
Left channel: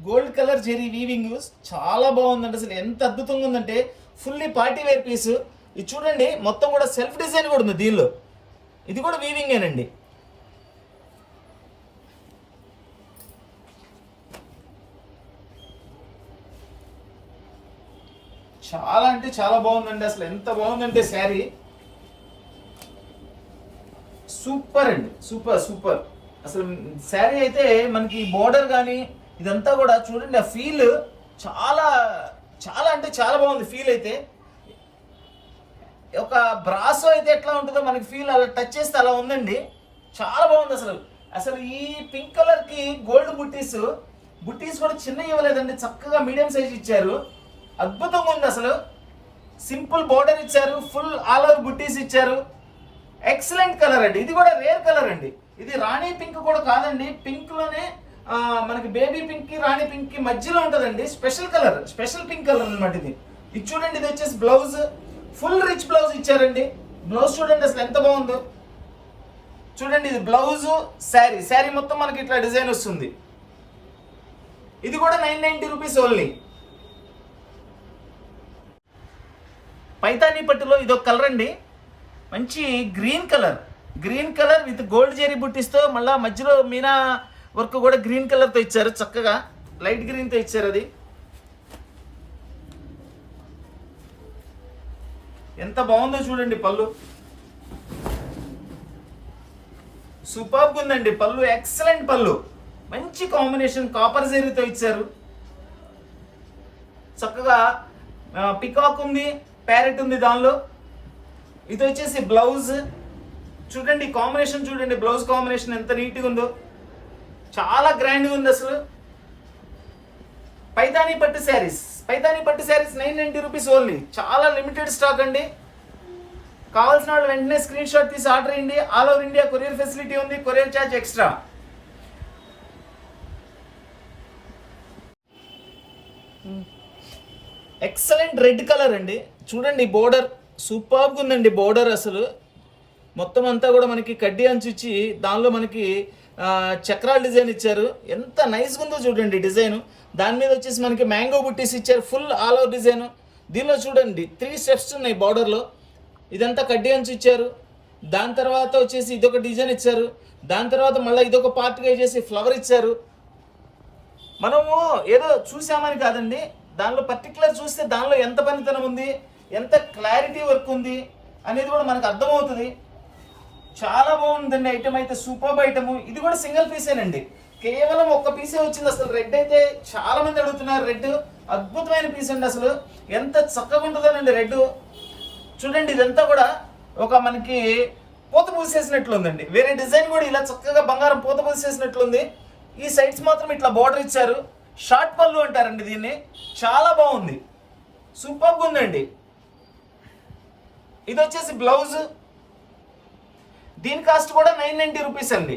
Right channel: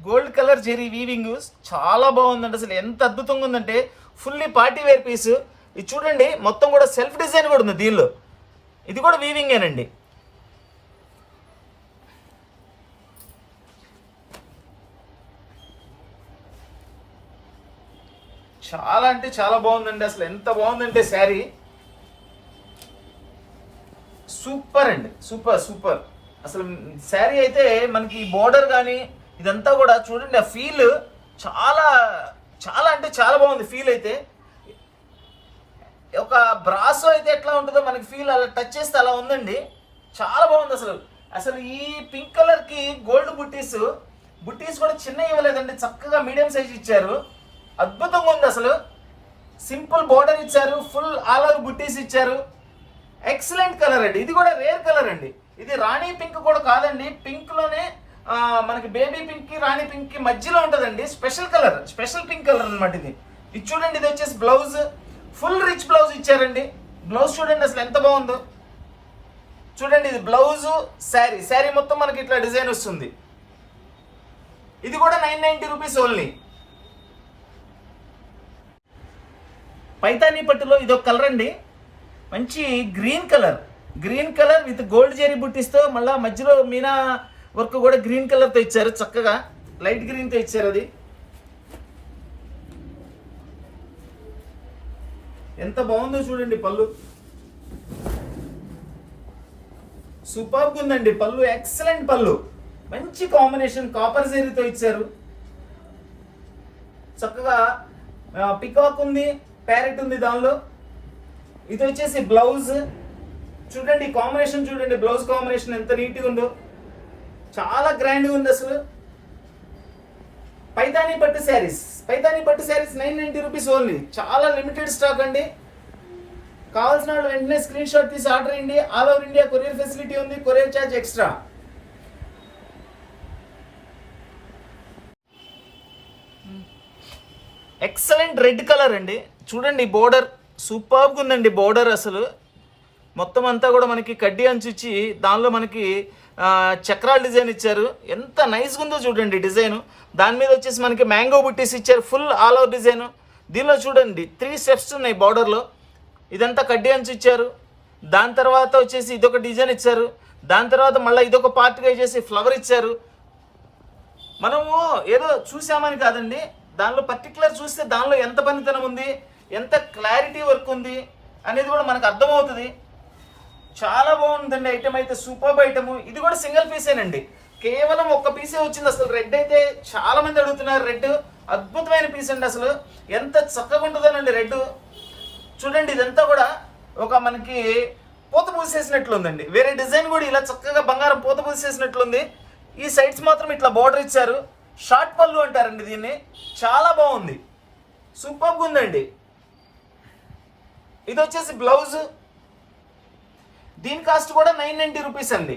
gold colour zari weaving చాలా బాగుందండి. అసలు ఎంత అద్భుతంగా ఉందంటే ఫుల్లీ పార్టీ వేర్ పీస్. ఇది చూడండి, మొత్తం కూడా సెల్ఫ్ డిజైన్ కూడా ఉంది దీనిలో. ఇది కూడా వీవింగేనండి. చాలా అంటే చాలా బాగుందండి. అసలు ఎంత బాగుందంటే శారీ సూపర్ అండి, సూపర్ సూపర్. అసలు శారీ అయితే మనకి బోర్డర్ కానీ ఇదంతా కూడా చూడండి, ఆ ఫీల్ చాలా చాలా అంటే చాలా బాగుంది ఫీల్ అయితే. ఒక బ్రాసో అయితే ఎట్లా ఉంటుందో మనకి ఫీల్ అలా టచ్ చేస్తే అలా ఉందండి. చాలా బాగుంది అసలు. అసలు ఈ పింక్ కలర్ కి గోల్డ్ బుట్టీస్ కూడా చిన్న ఇవ్వలేదండి, చక్కగా మీడియం సైజ్ ఇచ్చారు. అద్భుతంగా ఉంది అసలు. సింపుల్ బోర్డర్ ఇచ్చారు, ఫుల్ ఆల్ ఓవర్ బుట్టీస్ ఇచ్చారు. ఎక్సలెంట్ కలర్ అండి. ఇది కూడా రేర్ కలర్ అండి. ఇది రాణి పింక్ కూడా కాదండి, పింక్ లోనే మనకి బేబీ పింక్ కి రాణి పింక్ కి మధ్యలో ఉంటుందండి. Special colour, special pink colour అనమాట ఇది. ఇది చూడండి, ఇది వచ్చేసి బ్లౌజ్, ఫుల్ రిచ్ బ్లౌజ్ ఇచ్చారండి. బ్లౌజ్ చూడండి అసలు ఎంత బాగుందో. చూడండి, ఇది బ్లౌజ్, శారీ మొత్తం మనకి ఇట్లా డిజైన్ వస్తుంది. ఇది కూడా 990 రూపీస్ ఓన్లీ. పైతానీ పట్టులో ఇదొక కలర్ అండి, మంచి green colour with gold zari బుట్టిస్తో, మళ్ళా మధ్యలో మీనా వర్క్ కూడా గ్రీన్ కలర్తో ఇచ్చారు. చక్కగా లైట్ గ్రీన్తో ఇచ్చారు. అది ఎంత బాగుందో చూడండి. పళ్ళు సూపర్గా ఉందండి. పళ్ళు ఎక్సలెంట్ పళ్ళు, మంచి కాంబినేషన్ కాపర్ జెరీతో ఇచ్చారు. చక్కగా పికాక్ ఉంది, ప్యారెట్ ఉంది దానిలో. ఇది వచ్చేసి బ్లౌజ్. చూడండి కాంబినేషన్, చూడండి బ్లౌజ్ కాంబినేషన్ ఎంత నీట్గా ఉందో, చాలా గ్రాండ్గా ఉంది అసలు. పైతానీ పట్టు శారీస్ 990 రూపీస్ ఓన్లీ. చాలా లిమిటెడ్ స్టాక్ అండి. కావాల్సిన వాళ్ళు వెంటనే స్క్రీన్ షాట్ తీసి ఆర్డర్ అయ్యండి. All over India courier facility ఉంది, courier charge extra. Excellent red colour అండి. చూడండి బోర్డర్ సూపర్గా ఉందండి. బోర్డర్ అసలు మొత్తం అంతా కూడా మనకి కడ్డీ అంచు ఇచ్చి దానిలో మనకి చక్రాల డిజైన్ ఇచ్చారు. ఎంత నైస్గా ఉందో చూడండి డిజైన్. దాని మీద వచ్చేసి మనకి మ్యాంగో బుట్టీస్ ఇచ్చారు, ఫుల్ ఆల్ ఓవర్ డిజైన్. దీనిలో చూడండి 3 స్టెప్స్ ఉన్నాయి బార్డర్లో. ఇదంతా కడ్డీ అంచు ఇచ్చారు. దాని తర్వాత వచ్చేసి ఇదొక డిజైన్ ఇచ్చారు. దాని తర్వాత మళ్ళీ ఇదొక పార్ట్గా చేసి ఫ్లవర్ ఇచ్చారు. మనము ఏదో చూసామని కాదండి, దానిలో పర్టికులర్ చూస్తే దానిలో ఎంత పనితనం ఉంది, ఎంత క్లారిటీ వర్క్ ఉంది అనేది కూడా మనకు అర్థమవుతుంది. చాలా బాగుందండి ఐటమ్ అయితే, సూపర్ ఐటమ్. ఇది కూడా సింగిల్ పీసేనండి, కేవలం ఒక్క పీసే వచ్చింది. అసలు రెడ్ అయితే చాలా మంది అడుగుతున్నారు. రెడ్ అద్భుతమైన పీస్ అండి. అసలు ఎంత చక్కగా ఉంటుందోనండి రెడ్. చూడండి ఇదంతా కూడా ఒక మనకి పూత పూసేసినట్లుందండి. వేరే డిజైన్ కూడా ఇలా చక్కగా బంగారం పూత పూసేసినట్లుంది. ఈ సైడ్స్ మాత్రం ఇట్లా బార్డర్ ఇచ్చారు. షార్ట్ పళ్ళు అంటారండి దీన్ని. చాలా బాగుంది, సూపర్గా ఉందండి. ఇది వచ్చేసి బ్లౌజ్. దీని కాస్ట్ కూడా 990 రూపీస్ అండి.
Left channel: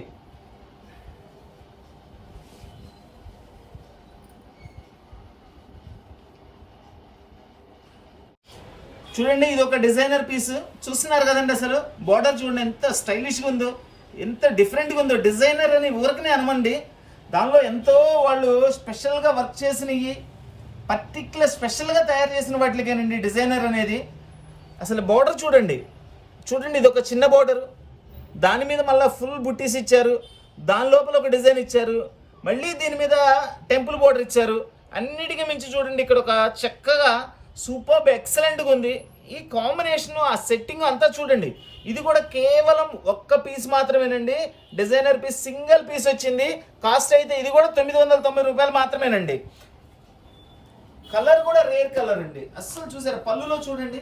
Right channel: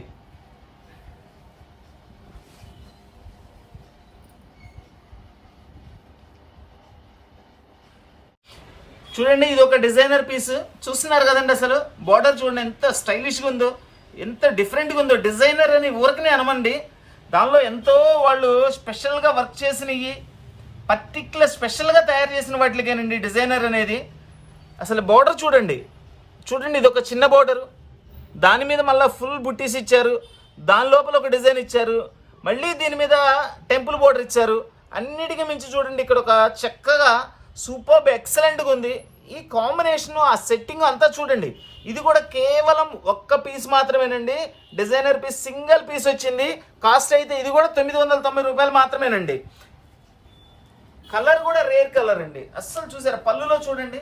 చూడండి ఇది ఒక డిజైనర్ పీస్. చూస్తున్నారు కదండి, అసలు బార్డర్ చూడండి ఎంత స్టైలిష్గా ఉందో, ఎంత డిఫరెంట్గా ఉందో. డిజైనర్ అని ఊరికనే అనమండి, దానిలో ఎంతో వాళ్ళు స్పెషల్గా వర్క్ చేసినవి, పర్టికులర్ స్పెషల్గా తయారు చేసిన వాటికేనండి డిజైనర్ అనేది. అసలు బార్డర్ చూడండి, ఇది ఒక చిన్న బార్డరు, దాని మీద మళ్ళీ ఫుల్ బుట్టీస్ ఇచ్చారు. దాని లోపల ఒక డిజైన్ ఇచ్చారు, మళ్ళీ దీని మీద టెంపుల్ బార్డర్ ఇచ్చారు. అన్నిటికీ మించి చూడండి ఇక్కడ ఒక చక్కగా సూపర్ ఎక్సలెంట్గా ఉంది. ఈ కాంబినేషన్, ఆ సెట్టింగ్ అంతా చూడండి. ఇది కూడా కేవలం ఒక్క పీస్ మాత్రమేనండి, డిజైనర్ పీస్, సింగిల్ పీస్ వచ్చింది. కాస్ట్ అయితే ఇది కూడా 990 రూపాయలు మాత్రమేనండి. కలర్ కూడా రేర్ కలర్ అండి. అస్సలు చూసారా, పళ్ళులో చూడండి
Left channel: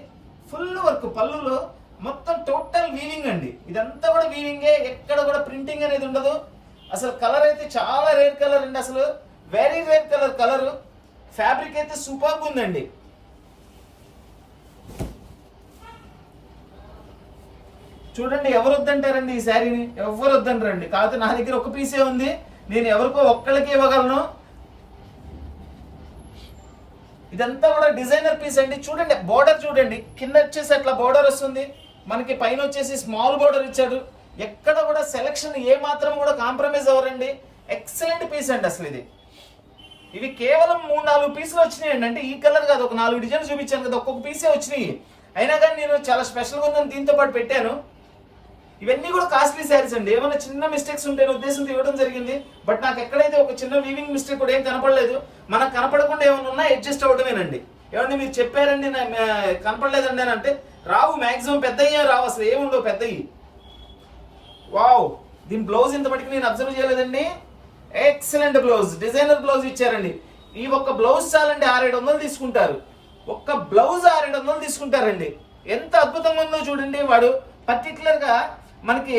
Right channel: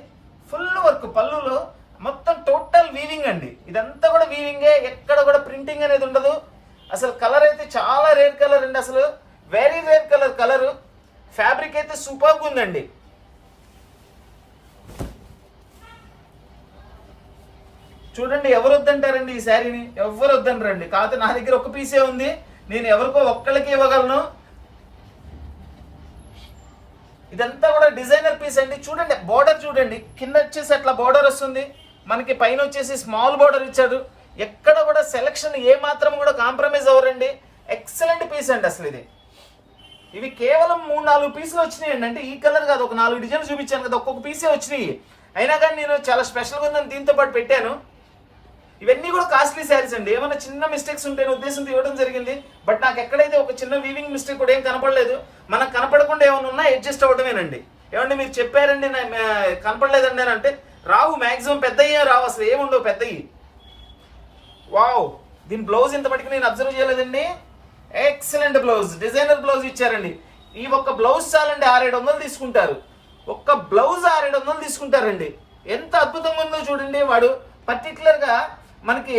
ఫుల్ వర్క్, పళ్ళులో మొత్తం టోటల్ వీవింగ్ అండి. ఇదంతా కూడా వీవింగే, ఎక్కడ కూడా ప్రింటింగ్ అనేది ఉండదు. అసలు కలర్ అయితే చాలా రేర్ కలర్ అండి. అసలు వెరీ రేర్ కలర్. ఫ్యాబ్రిక్ అయితే సూపర్గా ఉందండి. చూడండి, ఎవరు వద్దంటారండి ఈ శారీని? ఎవరు వద్దంటారండి. కాకపోతే నా దగ్గర ఒక పీసే ఉంది, నేను ఎవరికో ఒక్కళ్ళకి ఇవ్వగలను. ఇదంతా కూడా డిజైనర్ పీస్ అండి. చూడండి బోర్డర్ చూడండి, కింద వచ్చేసి అట్లా బోర్డర్ వస్తుంది, మనకి పైన వచ్చేసి స్మాల్ బోర్డర్ ఇచ్చాడు. ఎక్కడ కూడా సెలక్షన్ ఏ మాత్రం కూడా కాంప్రమైజ్ అవ్వరండి. ఎక్సలెంట్ పీస్ అండి అసలు ఇది. ఇవి కేవలం 3-4 పీసులు వచ్చినాయండి. అంటే ఈ కలర్ కాదు, ఒక 4 డిజైన్ చూపించాను కదా, ఒక్కొక్క పీసే వచ్చినాయి. అయినా కానీ నేను చాలా స్పెషల్గా ఉందని దీంతో పాటు పెట్టాను. ఇవన్నీ కూడా కాస్ట్లీ శారీస్ అండి. ఏమైనా చిన్న మిస్టేక్స్ ఉంటే ఉద్దేశంతో ఇవ్వడం జరిగింది. బట్ నాకు ఎక్కడైతే ఒక చిన్న వీవింగ్ మిస్టేక్ కూడా ఏం కనపడలేదు. మనకు కనపడకుండా ఏమైనా ఉన్నా అడ్జస్ట్ అవ్వడమేనండి. ఏమంటే మీరు చెప్పారండి కనపడలేదండి అని అంటే రావు, మ్యాక్సిమం పెద్దయ్యే రావు, అసలు ఏముండవు పెద్దవి. వావ్, దీని బ్లౌజ్ ఇంత మటుకు నేను అబ్జర్వ్ చేయలేదండి. ఎక్సలెంట్ బ్లౌజ్, డిజైనర్ బ్లౌజ్ ఇచ్చారండి. ఈ ఒక్క బ్లౌజ్ చాలండి 600-700 తీసుకుంటారు. ఒక్క బ్లౌజ్ 600-700 తీసుకుంటారండి. ఎంత అద్భుతంగా ఉందో చూడండి. వాడు పర్టికులర్ గా మనకి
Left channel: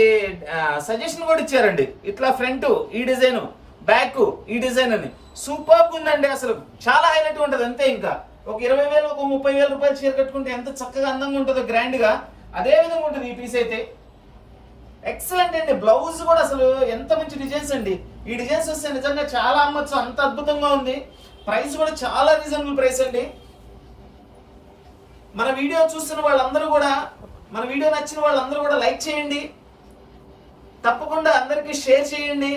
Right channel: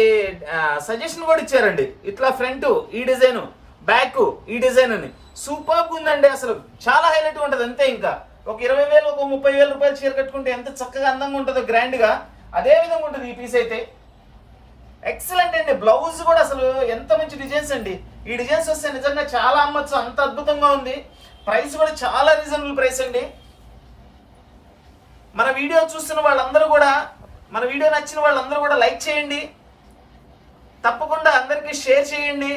సజెషన్ కూడా ఇచ్చారండి. ఇట్లా ఫ్రంట్ ఈ డిజైన్, బ్యాక్ ఈ డిజైన్ అని సూపర్ ఉందండి. అసలు చాలా హైలైట్ ఉంటుంది. అంతే, ఇంకా ఒక 20,000 ఒక 30,000 రూపాయలు చీర కట్టుకుంటే ఎంత చక్కగా అందంగా ఉంటుందో, గ్రాండ్ గా అదే విధంగా ఉంటుంది ఈ పీస్ అయితే. ఎక్సలెంట్ అండి. బ్లౌజ్ కూడా అసలు ఎంత మంచి డిజైన్స్ అండి. ఈ డిజైన్స్ వస్తే నిజంగా చాలా అమ్మచ్చు, అంత అద్భుతంగా ఉంది. ప్రైస్ కూడా చాలా రీజనబుల్ ప్రైస్ అండి. మన వీడియో చూస్తున్న వాళ్ళందరూ కూడా, మన వీడియో నచ్చిన వాళ్ళందరూ కూడా లైక్ చేయండి, తప్పకుండా అందరికీ షేర్ చేయండి.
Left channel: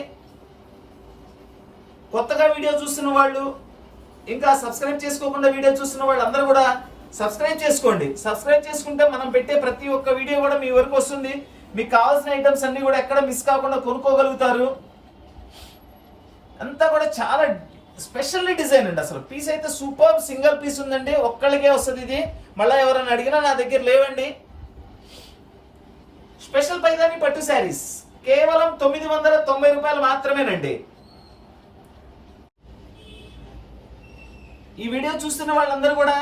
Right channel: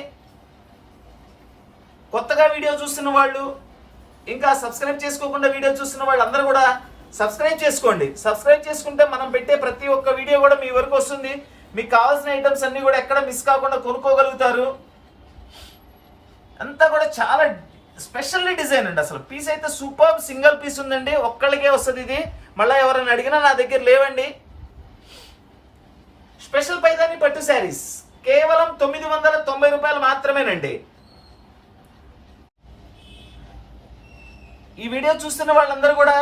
కొత్తగా వీడియో చూస్తున్న వాళ్ళు, ఇంకా సబ్స్క్రైబ్ చేసుకోకుండా వీడియో చూస్తున్న వాళ్ళందరూ కూడా సబ్స్క్రైబ్ చేసుకోండి. సబ్స్క్రైబ్ చేసుకుంటే మనం పెట్టే ప్రతి ఒక్క వీడియో కూడా మీ వరకు వస్తుంది. మీకు కావాల్సిన ఐటమ్స్ అన్ని కూడా ఎక్కడ మిస్ కాకుండా కొనుక్కోగలుగుతారు. అంతా కూడా చాలా స్పెషల్ డిజైన్ అండి. అసలు పీస్ అయితే సూపర్ సింగిల్ పీస్ ఉందండి, ఒక్కళ్ళకే వస్తుంది ఇది. మళ్ళీ ఎవరైనా అడిగినా నా దగ్గర లేవండి. స్పెషల్ పైతాని పట్టు శారీస్ కేవలం 990 రూపాయలు మాత్రమేనండి. ఈ వీడియో చూస్తున్న వాళ్ళందరూ కూడా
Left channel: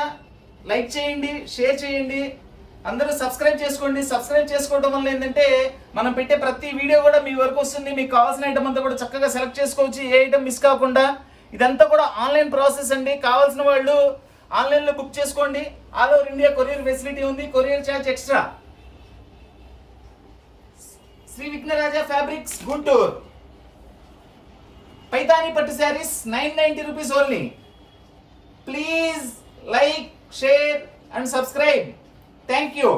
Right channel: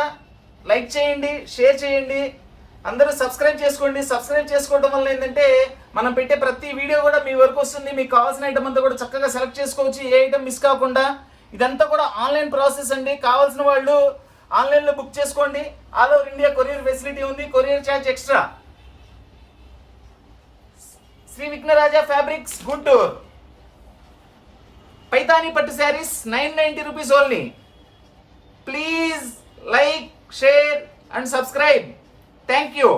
లైక్ చేయండి, షేర్ చేయండి, అందరూ సబ్స్క్రైబ్ చేసుకోండి. సబ్స్క్రైబ్ చేసుకోవడం వల్ల ఏంటంటే మనం పెట్టే ప్రతి వీడియో కూడా మీ వరకు వస్తుంది. మీకు కావాల్సిన ఐటమ్ అంతా కూడా చక్కగా సెలెక్ట్ చేసుకోవచ్చు, ఏ ఐటమ్ మిస్ కాకుండా. ఇదంతా కూడా ఆన్లైన్ ప్రాసెస్ అండి. కావాల్సిన వాళ్ళు ఆన్లైన్లో బుక్ చేసుకోండి. All over India courier facility ఉంది, courier charge extra. Shri Vighnaraja fabrics, Guntur. Paithani పట్టు saris 990 rupees only. Please like, share and subscribe. Thank you.